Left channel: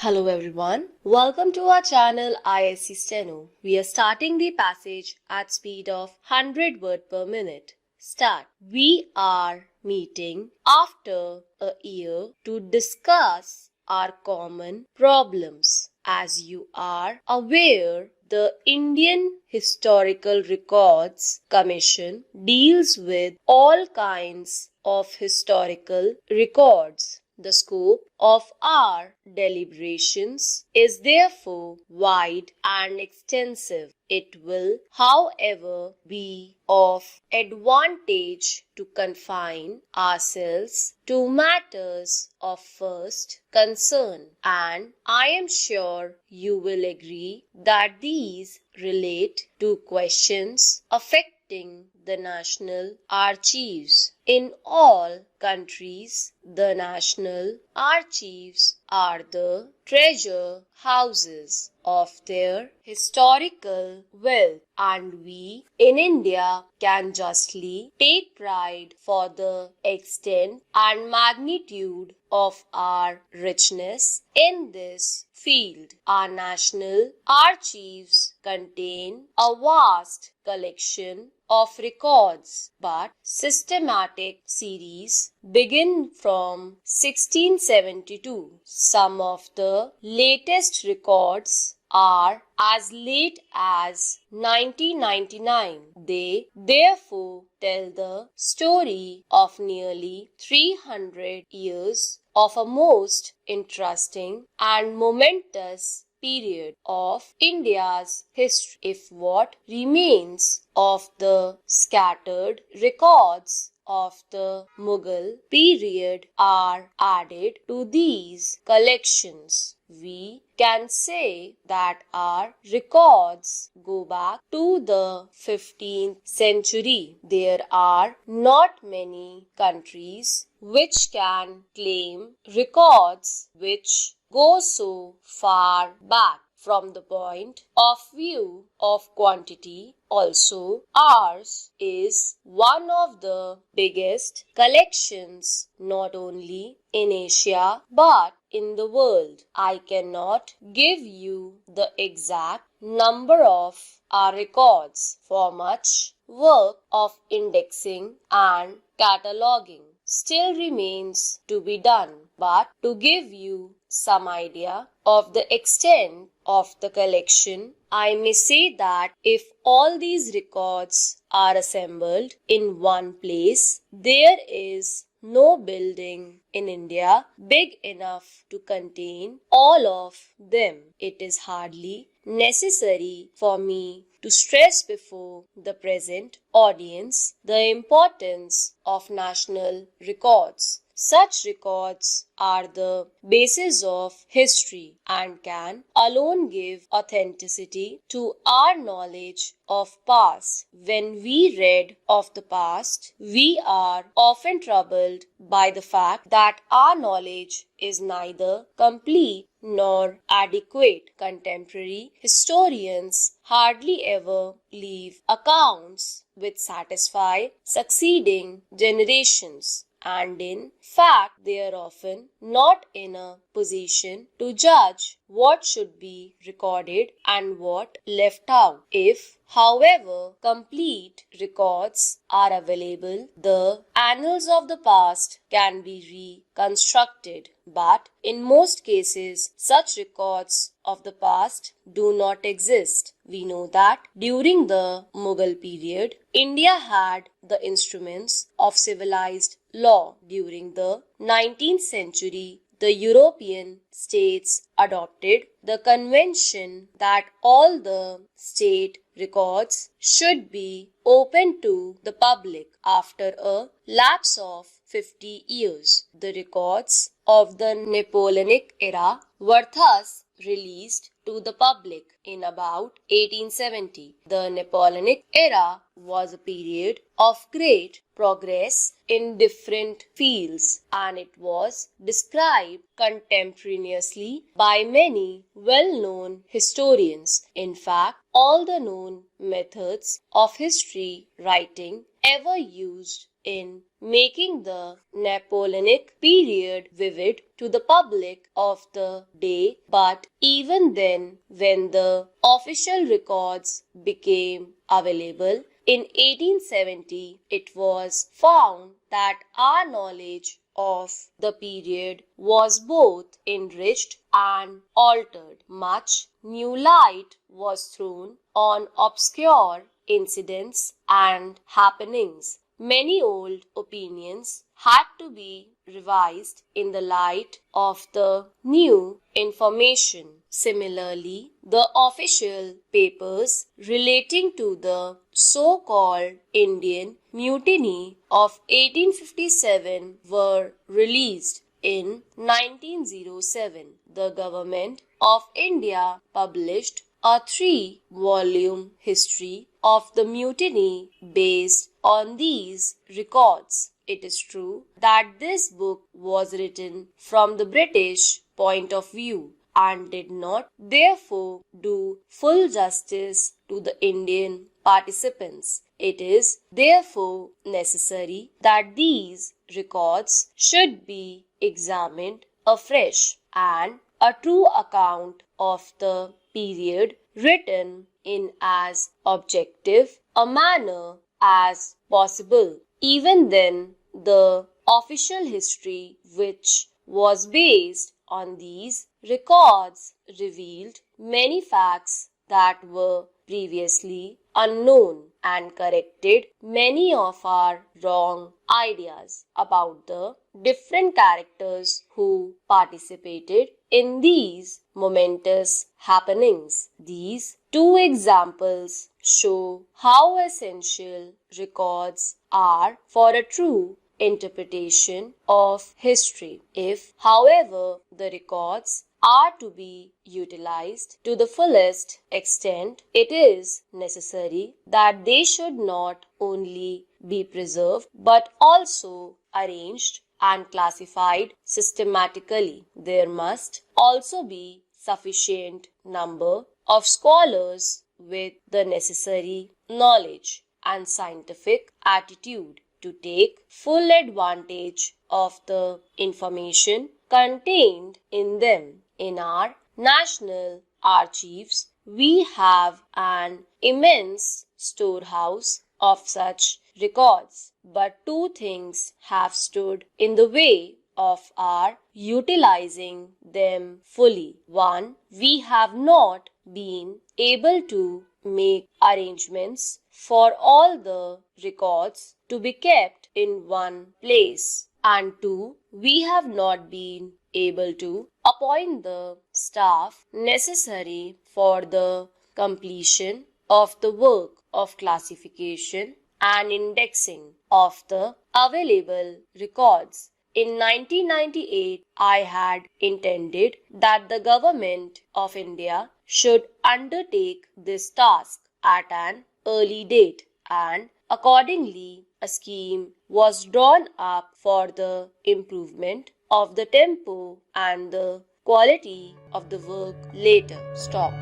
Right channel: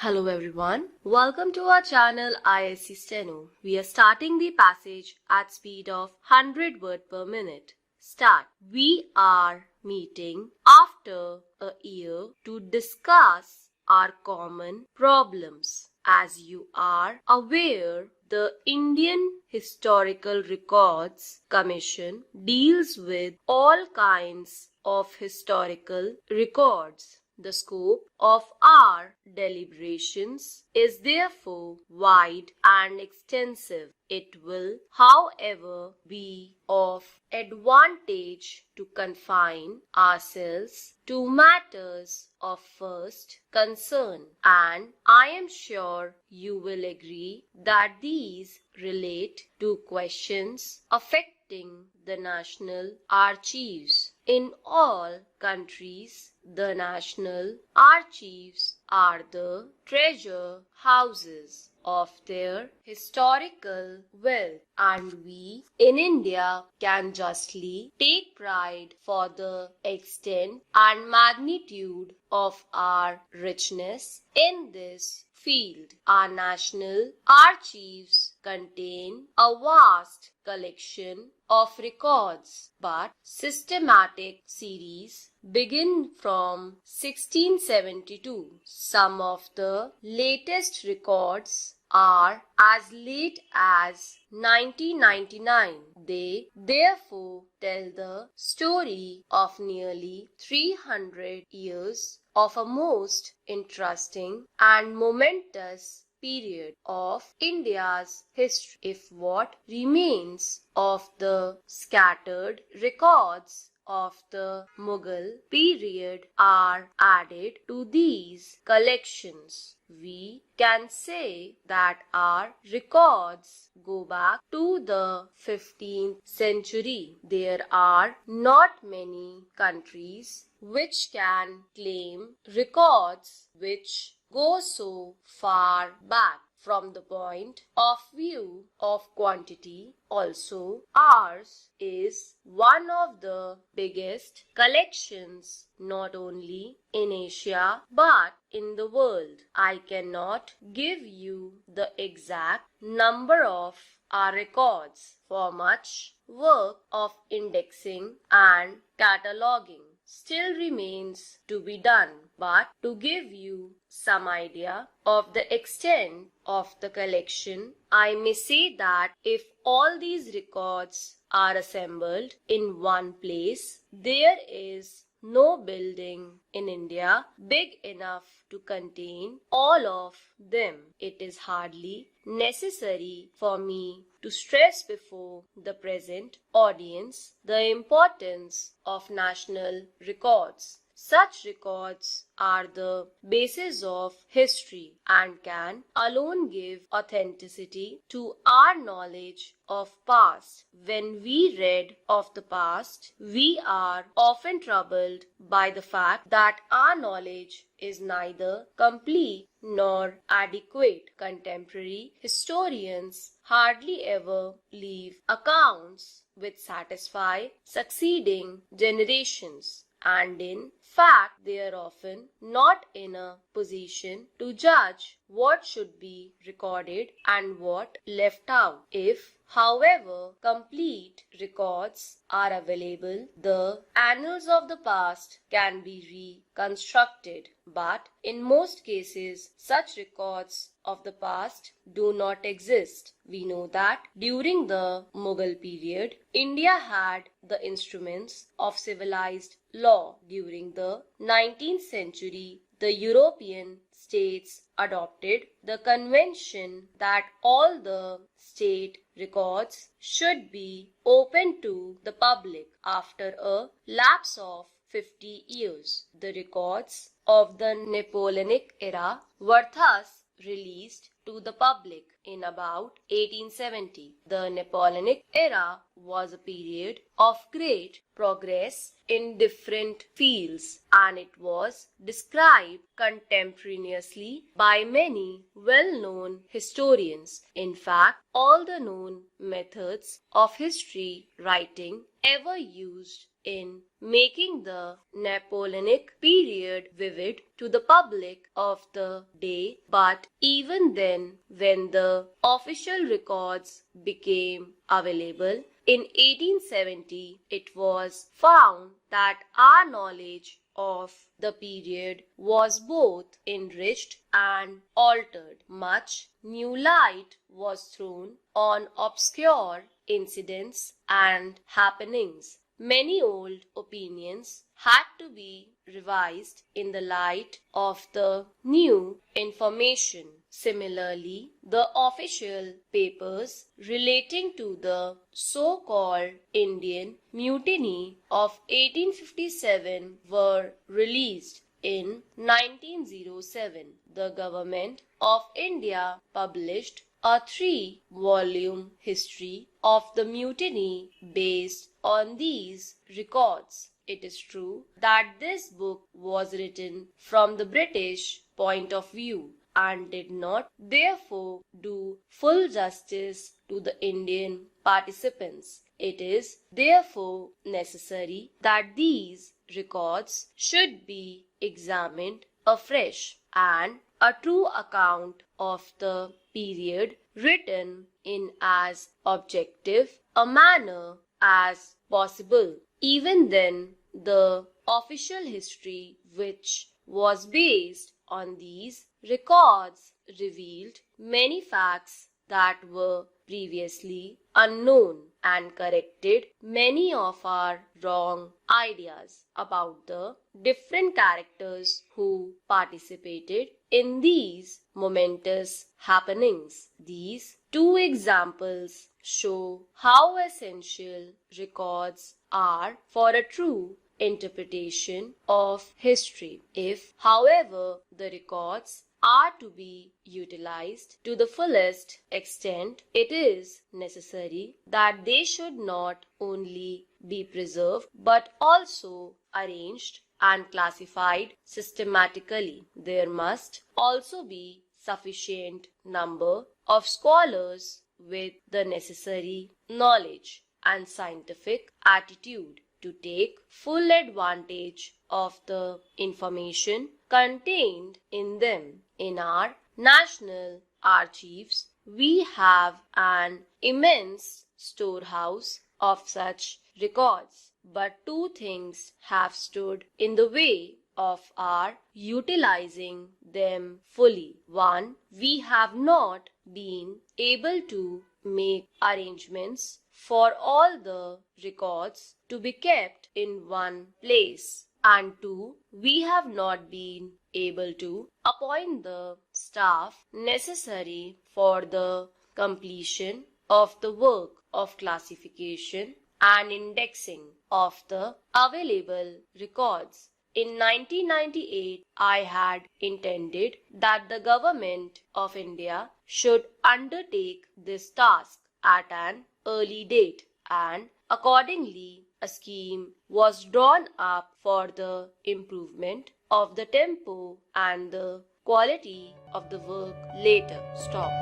Hello everyone, welcome to our channel Isc Steno. We are starting the passage at speed of 100 words per minute. Start. We are meeting after a year to discuss our common problems. As you are aware, the Indian Historical Records Commission deals with all kinds of historical records. The scope of our deliberations is therefore wide and extensive. It will, however, be of advantage to confine ourselves to matters of first concern, and I am sure you will agree that these relate to questions affecting the national archives. In all countries, the national archives are the treasure houses of their historical wealth, and we in India can justly take pride for the extent and magnitude of our richness in this field. Our national archives contain a vast collection of records, but systematic series begin from 1672. Some of the latest records are as late as 1999. They therefore tell the story of nearly 300 years of a most interesting and momentous period of India's history. If what remains of the scattered records of the Mughal period are added to these collections, we can say that our records go back to the 15th century. There are not many countries which can claim records which go so far back. From the point of view of quantity, also, ours is one of the biggest collections not only in Asia but in the world. I cannot give you the exact number of our records, for much work of indexing and cataloging still remains to be done, but to give you some idea of the extent of the collection, I may say that if all these records are assembled in one place, there is no building in India big enough to contain all of them. It is hardly necessary for me to stress before the present audience the importance of national records. Such records are the basis of history and can alone give authenticity to our knowledge of past. When we read of the past, we are often troubled by the fact that our knowledge is neither complete nor adequate. Contemporary historians hardly ever leave accounts which satisfy succeeding generations, and in fact they are often not in a position to judge what should be recorded and what left out. If, however, complete records are available, the annals of the past can be reconstructed, but in most cases such records of the past do not exist. We know that during the Mughal period, India had the instruments of civilized law. During the 19th century, the European states adopted the convention that all the state records should be open to the public. After a lapse of 50 years, the records of the Napoleonic era were thus released to the public in about 1870. The Napoleonic era was a period of great progress in different fields, and it was described contemporaneously by many well-known historians. In fact, all the known methods of history writing ever used in making the Napoleonic period vivid to the public of the day, but even then, when the official records became available in 1870, it was found that our knowledge of the period was both enriched and altered. Much new light was thrown on obscure incidents and happenings. Many old opinions had to be revised in the light of the new information. Similarly, the official papers relating to the so-called Indian Mutiny of 1857 were released in 1907. The Government of India published a 3-volume history of the mutiny based on these records. It is true that this book was written from the British point of view and did not therefore do full justice to the Indian participants. It is therefore necessary that these records should be examined afresh and a true account of the period written in as objective a manner as possible. Even then, the official history which was based on these records revealed many facts that were previously unknown and corrected many of our wrong ideas about the different characters who participated in these momentous happenings. These two examples show how essential records are for a true interpretation of history. If, however, the records are to be utilized to the fullest extent, it is necessary that they should not only be preserved but also arranged and classified systematically. There must also be sufficient number of scholars with the necessary knowledge and scientific attitude to take full advantage of the information contained in them. In our national archives, we have an immense storehouse of such records, but two things have stood in the way of our utilizing them fully. One, we have not been able to make arrangements for all the records to be kept in one place. And two, we have not been able to appoint the staff necessary for the completion of the work of classification and indexing of the available records. In 1998, I had intended that the Government of India should undertake this task at an early date, and accordingly a scheme was drawn up for the improvement of the tempo and the quality of the work later. Stop.